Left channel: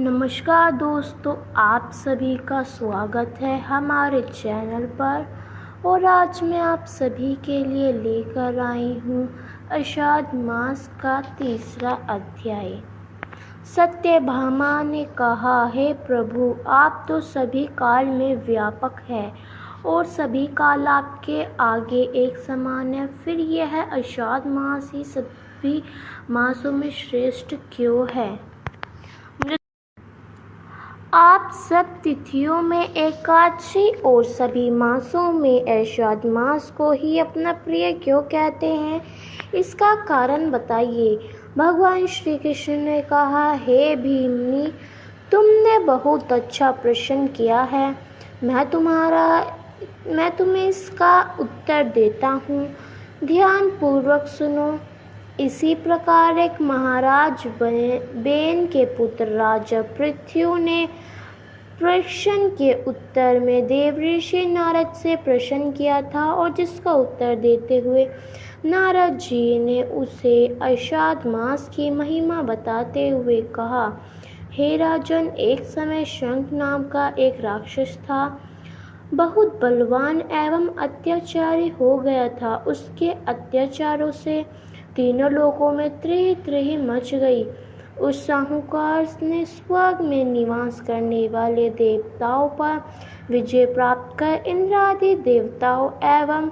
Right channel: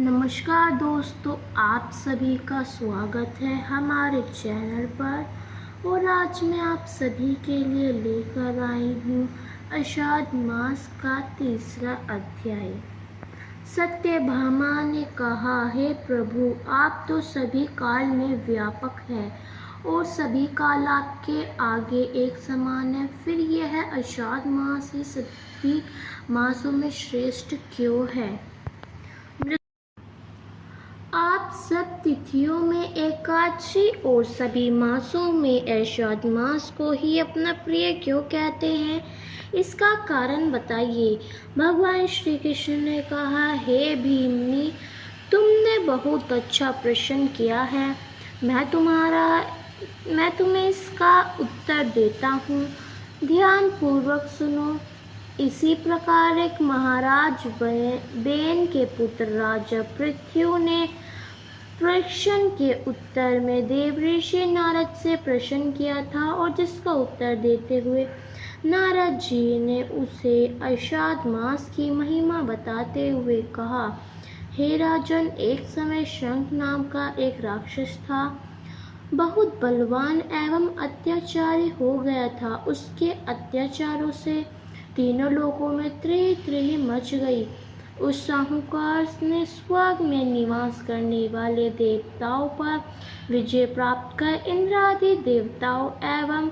नमस्कार दोस्तों, आप सभी का स्वागत है हमारे चैनल पर। और आज मैं आप सभी के लिए लेकर आई हूँ आषाढ़ मास का तीसरा अध्याय। सत्यभामा ने कहा, हे प्रभु, आप तो सभी काल में व्यापक हैं और सभी काल आपके आगे एक समान है, फिर यह आषाढ़ मास ही सभी मासों में श्रेष्ठ क्यों है? आप सब तिथियों में एकादशी और सभी मासों में आषाढ़ मास को ही अपना प्रिय क्यों कहते हैं? इसका कारण बताइए। भगवान श्री कृष्ण ने कहा, हे भीमनी, तुमने बहुत अच्छा प्रश्न किया है। मैं तुम्हें इसका उत्तर देता हूँ। ध्यान पूर्वक सुनो। इसी प्रकार एक महाराज बेन के पुत्र राजा पृथ्वी ने प्रश्न के उत्तर में देवऋषि नारद से प्रश्न किया था, और जिसका उत्तर देते हुए नारद जी ने उसे आषाढ़ मास की महिमा बताते हुए कहा, हे राजन, एक समय शंख नाम का एक राक्षस था। बहुत बलवान एवं अत्याचारी हो गया था। उसके अत्याचारों से तीनों लोकों में त्रही मच गई। उस साहूकार ने स्वर्ग में निवास करने वाले देवताओं पर विजय प्राप्त कर इंद्र आदि देवताओं एवं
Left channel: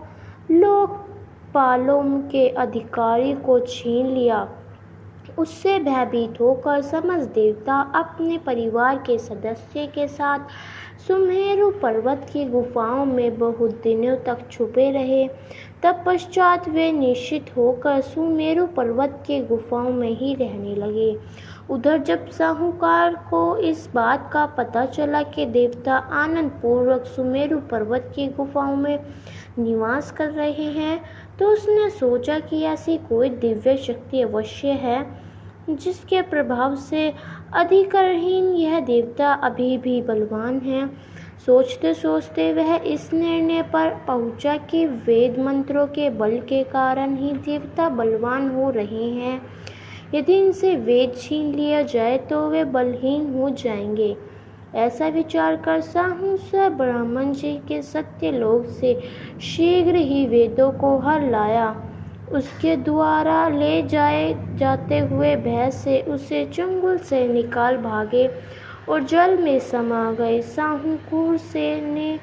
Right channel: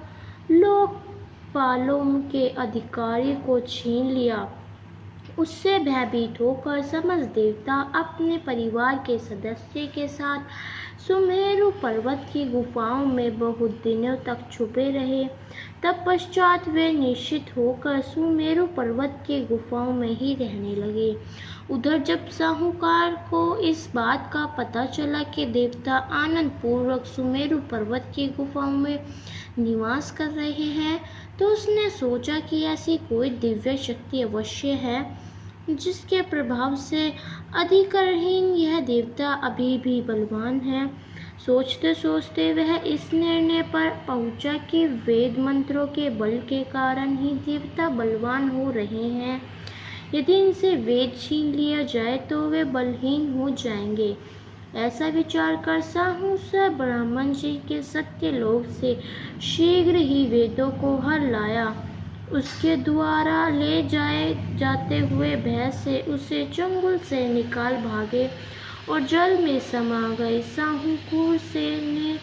लोकपालों के अधिकारी को छीन लिया। उससे भयभीत होकर समस्त देवता अपने परिवार के सदस्य के साथ सुमेरु पर्वत की गुफाओं में बहुत दिनों तक छुपे रहे। तत्पश्चात वे निश्चित होकर सुमेरु पर्वत की गुफाओं में ही रहने लगे। उधर जब साहूकार को इस बात का पता चला कि देवता आनंद पूर्वक सुमेरु पर्वत की गुफाओं में निवास कर रहे हैं, तो उसने सोचा कि ऐसी कोई दिव्य शक्ति अवश्य है जिसके प्रभाव से अधिकारहीन यह देवता अभी भी बलवान है। सोचते सोचते वह इस निर्णय पर पहुंचा कि वेद मंत्रों के बल के कारण ही देवता बलवान हो रहे हैं। यदि इनसे वेद छीन लिया जाए तो वे बलहीन हो जाएंगे। ऐसा विचार कर साहूसर ब्राह्मण जी के सत्यलोक से शीघ्र ही वेदों को हर लाया। उसके द्वारा ले जाते हुए भय से उसे चंगुल से निकाल भागे और जल में समा गए। साहूकुर से ने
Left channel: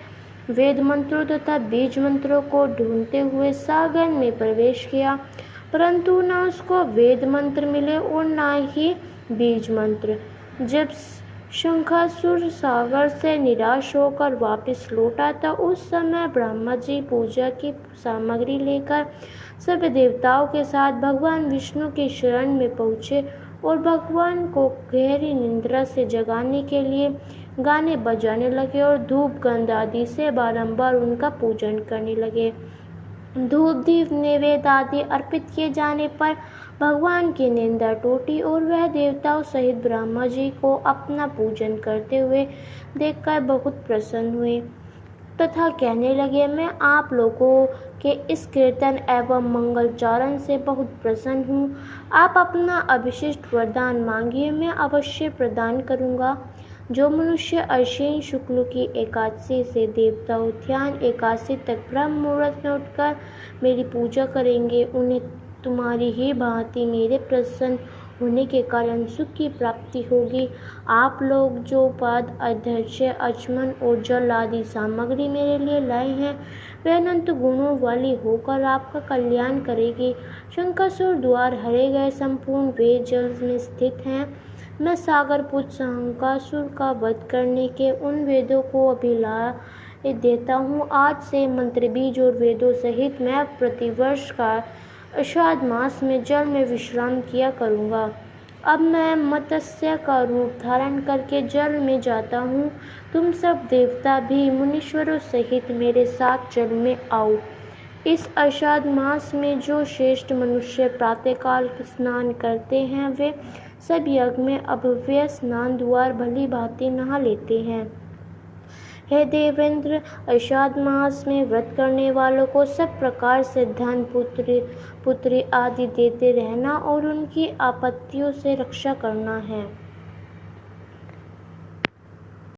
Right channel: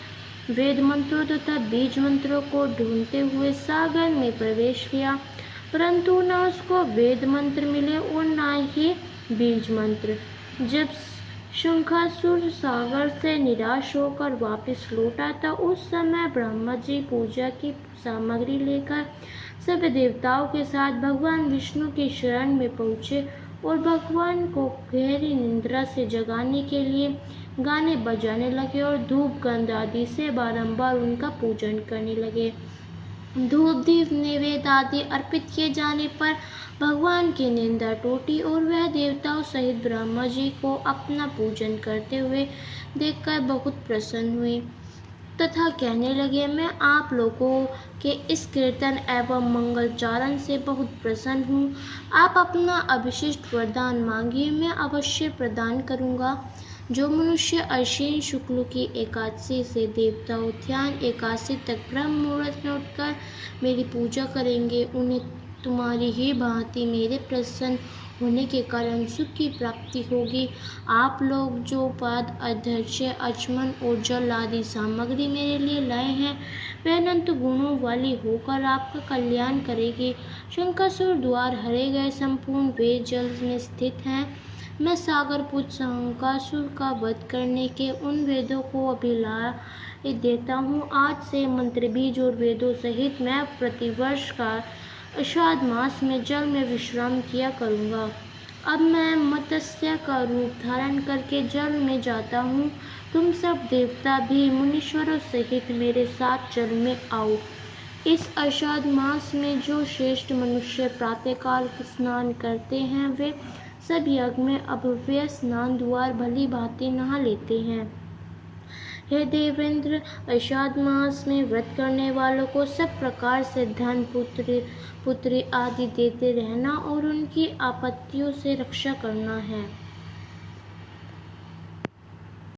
वेद मंत्रों तथा बीज मंत्रों को ढूंढते हुए सागर में प्रवेश किया, परंतु न उसको वेद मंत्र मिले और न ही बीज मंत्र। जब शंखासुर सागर से निराश होकर वापस लौटा था, उस समय ब्रह्मा जी पूजा की सामग्री लेकर सभी देवताओं के साथ भगवान विष्णु की शरण में पहुँचे और भगवान को गहरी निद्रा से जगाने के लिए गाने बजाने लगे और धूप गंध आदि से बारंबार उनका पूजन करने लगे। धूप दीप नैवेद्य आदि अर्पित किए जाने पर भगवान की निंदा टूटी और वह देवताओं सहित ब्रह्मा जी को अपना पूजन करते हुए देखकर बहुत प्रसन्न हुए तथा कहने लगे, मैं आप लोगों के इस कीर्तन एवं मंगलचारण से बहुत प्रसन्न हूँ। आप अपना अभिष्ट वरदान मांगिए, मैं अवश्य प्रदान करूँगा। जो मनुष्य अश्विन शुक्ल की एकादशी से देवता उद्यान एकादशी तक ब्रह्म मुहूर्त में उठकर मेरी पूजा करेंगे, उन्हें तुम्हारी ही भांति मेरे प्रसन्न होने के कारण सुख की प्राप्ति होगी। आप लोग जो पद अध्यक्ष अचमन और जल आदि सामग्री मेरे लिए लाए हैं, वे अनंत गुणों वाली होकर आपका कल्याण करेगी। शंखासुर द्वार हरे गए संपूर्ण वेद जल में स्थित हैं। मैं सागर पुत्र शंखासुर का वध करने के उन वेदों को अभिलाय देता हूँ। आज से मंत्र बीज और वेदों सहित मैं प्रतिवर्ष का आषाढ़ मास में जल में विश्राम किया करूँगा। अब मैं मत्स्य का रूप धारण करके जल में जाता हूँ। तुम सब देवता भी मुनीश्वरों सहित मेरे साथ जल में आओ। इस आषाढ़ मास में जो श्रेष्ठ मनुष्य प्रातःकाल स्नान करते हैं, वे सब यज्ञ में अभव्य स्नान द्वार भली भांति नहा लेते हैं। हे देवेंद्र, आषाढ़ मास में व्रत करने वालों को सब प्रकार से धन पुत्री आदि देते रहना और उनकी आपत्तियों से रक्षा करना है।